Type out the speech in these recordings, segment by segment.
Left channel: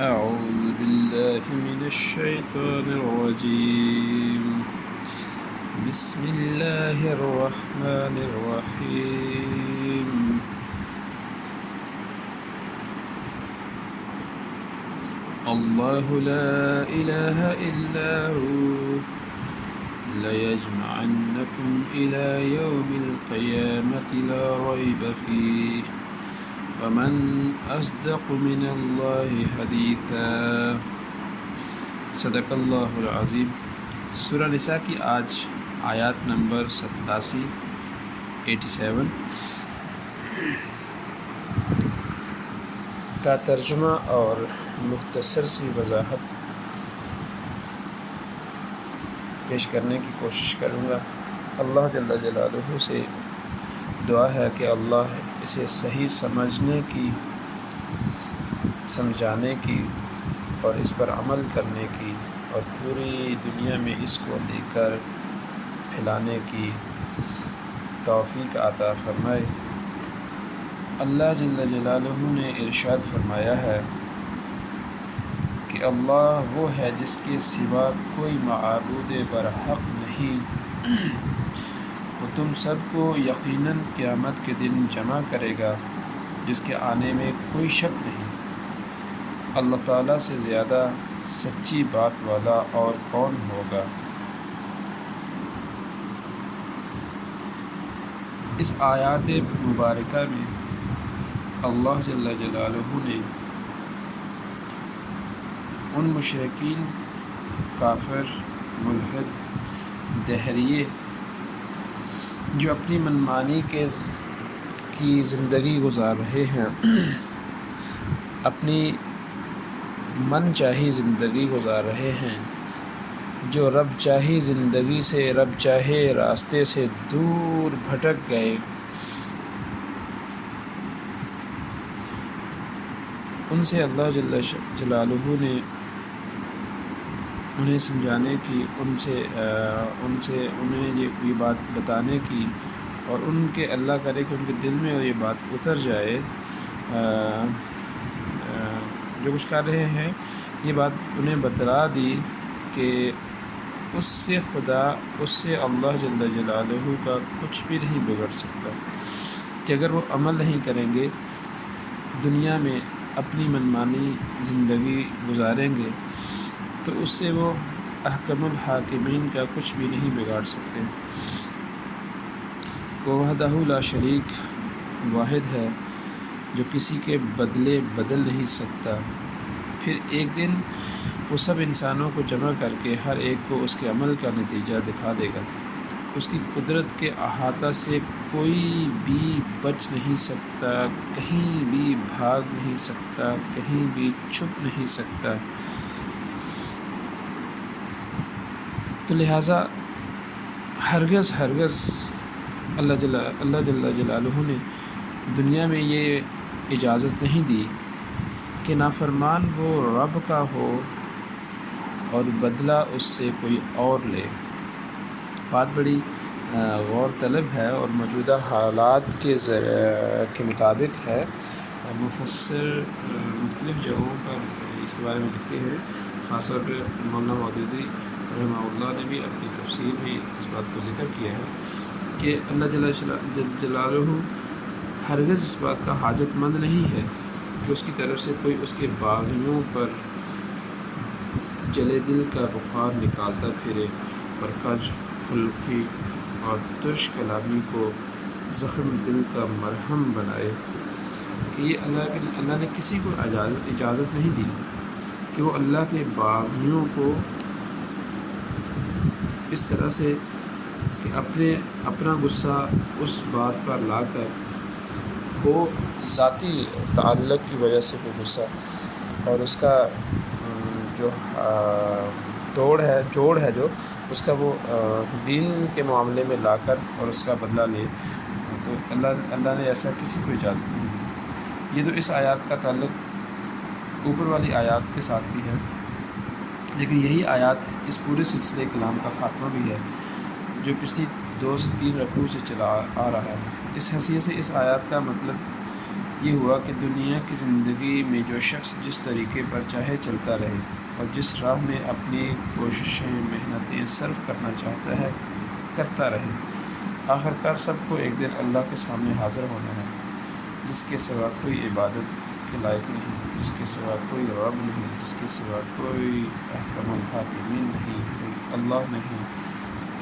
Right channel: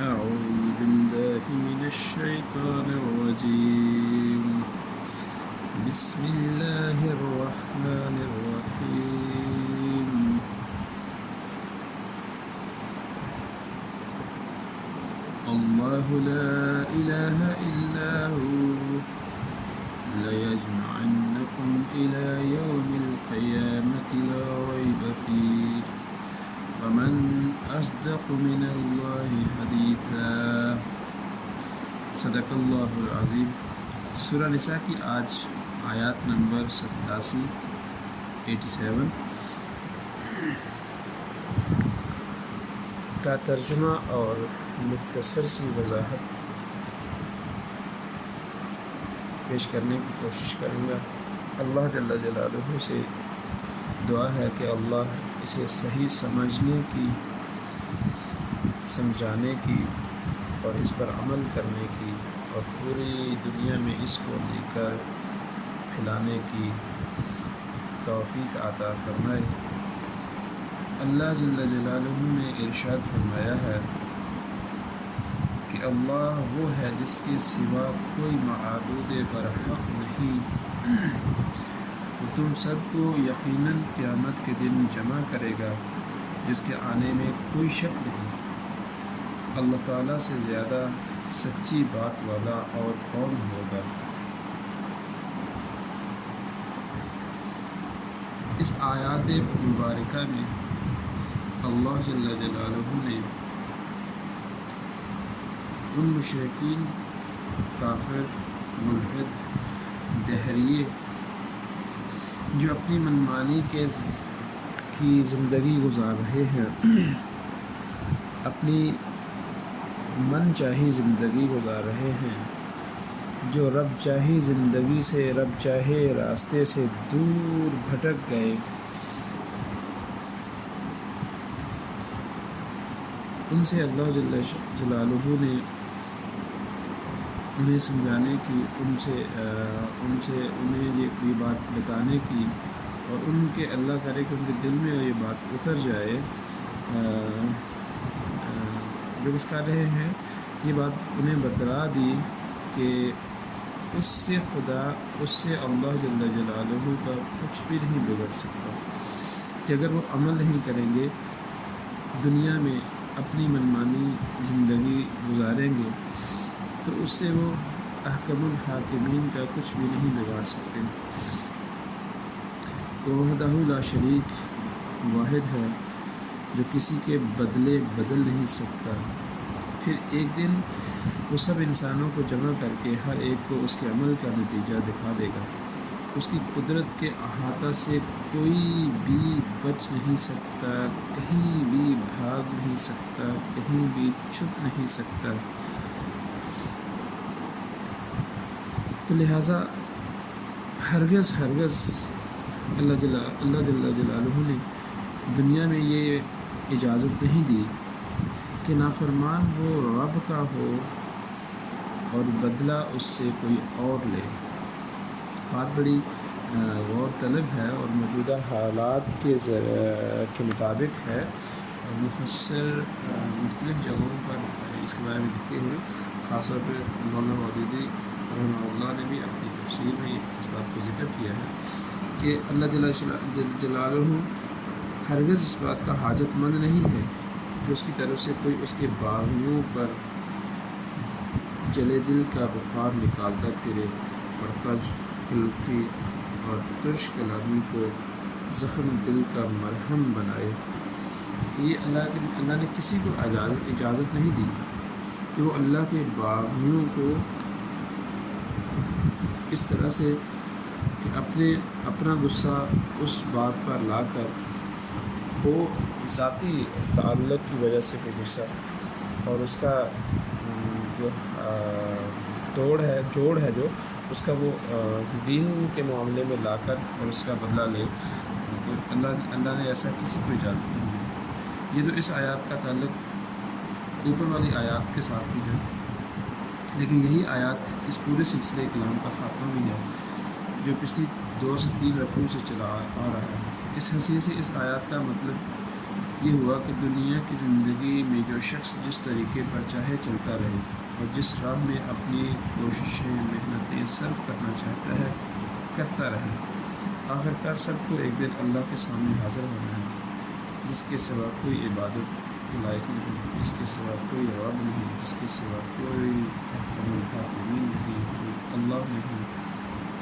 أعوذ بالله من الشيطان الرجيم بسم الله الرحمن الرحيم الله لا إله إلا هو ليجمعنكم إلى يوم القيامة لا ريب فيه ومن أصدق من الله حدیثا صدق اللہ العظیم۔ سورہ نساء کی آج آیات نمبر 87 کا ترجمہ اور مختصر سی وضاحت پیش کرنے کی کوشش کروں گا۔ اللہ جل جلالہ سے دعا ہے کہ اللہ اسے صحیح سمجھنے کی، سمجھانے کی اور اس پر عمل کرنے کی اور پوری دنیا میں اس کو لے کر پھیلانے کی توفیق عطا فرمائے۔ اللہ جل جلالہ نے ارشاد فرمایا ہے کہ اللہ وہ ہے جس کے سوا کوئی معبود برحق نہیں، وہ تم سب کو یقیناً قیامت کے دن جمع کرے گا جس کے آنے میں کوئی شک نہیں۔ اللہ تعالیٰ سے زیادہ سچی بات والا اور کون ہوگا۔ اس آیات مبارکہ میں اللہ جل جلالہ نے ان مشرکین، کافر، ملحد، دہریے جو اپنی منمانی کی زندگی گزار رہے ہیں، اپنی من چاہی زندگی گزار رہے ہیں، جو رب چاہی زندگی سے، رب چاہے راستے سے دور بھٹک گئے، ان سے اللہ جل جلالہ نے انہیں سمجھانے کی، انہیں یہ بات بتانے کی اور ان کے اللہ کرے کہ ان کے دل میں یہ بات اتر جائے، جو کچھ کر رہے ہیں یہ بات انہیں بتلا دی کہ اس سے اللہ جل جلالہ کا کچھ بھی نہیں بگڑ سکتا، کہ اگر وہ عمل نہیں کریں گے، دنیا میں اپنی منمانی زندگی گزاریں گے تو اس سے وہ احکم الحاکمین کا کچھ بھی نہیں بگاڑ سکتے۔ وہ وحدہ لا شریک واحد ہے جو کسی کے بدلے بدل نہیں سکتا۔ پھر ایک دن وہ سب انسانوں کو جمع کر کے ہر ایک کو اس کے عمل کا نتیجہ دکھا دے گا۔ اس کی قدرت کے احاطہ سے کوئی بھی بچ نہیں سکتا، کہیں بھی بھاگ نہیں سکتا، کہیں بھی چھپ نہیں سکتا۔ تو لہٰذا ہرگز اللہ جل جلالہ نے دنیا میں یہ اجازت نہیں دی کہ نافرمان وہ رب کا ہو اور بدلہ اس سے کوئی اور لے۔ بات بڑی غور طلب ہے اور موجودہ حالات کے مطابق ہے۔ مفسر مختلف جگہوں پر اس کے بارے میں لکھتے ہیں، خاص طور پہ مولانا مودودی رحمہ اللہ نے بھی اپنی تفسیر میں اس بات کو ذکر کیا ہے کہ اللہ جل جلالہ ہرگز اس بات کا حاجت مند نہیں ہے کہ اس کی طرف سے کوئی اس کے باغیوں پر جلے دل کا بخار نکالتا پھرے اور کج خلقی اور ترش کلامی کو زخم دل کا مرہم بنائے۔ کہ یہ اللہ نے کسی کو اجازت نہیں دی کہ وہ اللہ کے باغیوں کو اس طرح سے کہ اپنا غصہ اس بات پر لا کر وہ ذاتی تعلق کی وجہ سے کوئی غصہ اور اس کا جو جوڑ ہے جو اس کا وہ دین کے معاملے میں لا کر اور اس کا بدلہ لے، تو اللہ نے ایسا کسی کو اجازت نہیں دی۔ یہ تو اس آیات کا تعلق اوپر والی آیات کے ساتھ بھی ہے، لیکن یہی آیات اس پورے سلسلے کلام کا خاتمہ بھی ہے جو پچھلی 2 سے 3 رکوع سے چلا آ رہا ہے۔ اس حیثیت سے اس آیات کا مطلب یہ ہوا کہ دنیا کی زندگی میں جو شخص جس طریقے پر چاہے چلتا رہے اور جس راہ میں اپنی کوششیں محنتیں صرف کرنا چاہتا ہے کرتا رہے، آخرکار سب کو ایک دن اللہ کے سامنے حاضر ہونا ہے، جس کے سوا کوئی عبادت کے لائق نہیں، جس کے سوا کوئی رب نہیں، جس کے سوا کوئی احکم الحاکمین نہیں، کوئی اللہ نہیں۔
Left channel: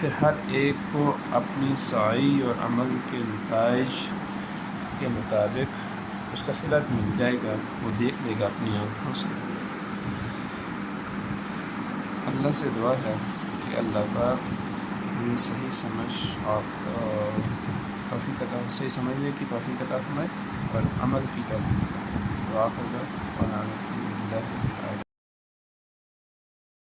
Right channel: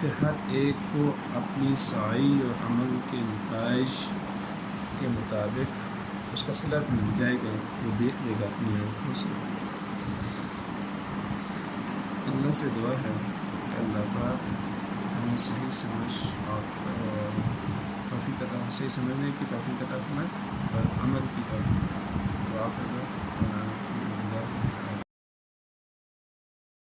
پھر ہر ایک کو اپنی سعی اور عمل کے نتائج کے مطابق اس کا صلت مل جائے گا، وہ دیکھ لے گا اپنی آنکھوں سے۔ اللہ سے دعا ہے کہ اللہ پاک ہمیں صحیح سمجھ اور صحیح سمجھنے کی توفیق عطا فرمائے اور عمل کی توفیق۔ وآخر دعوانا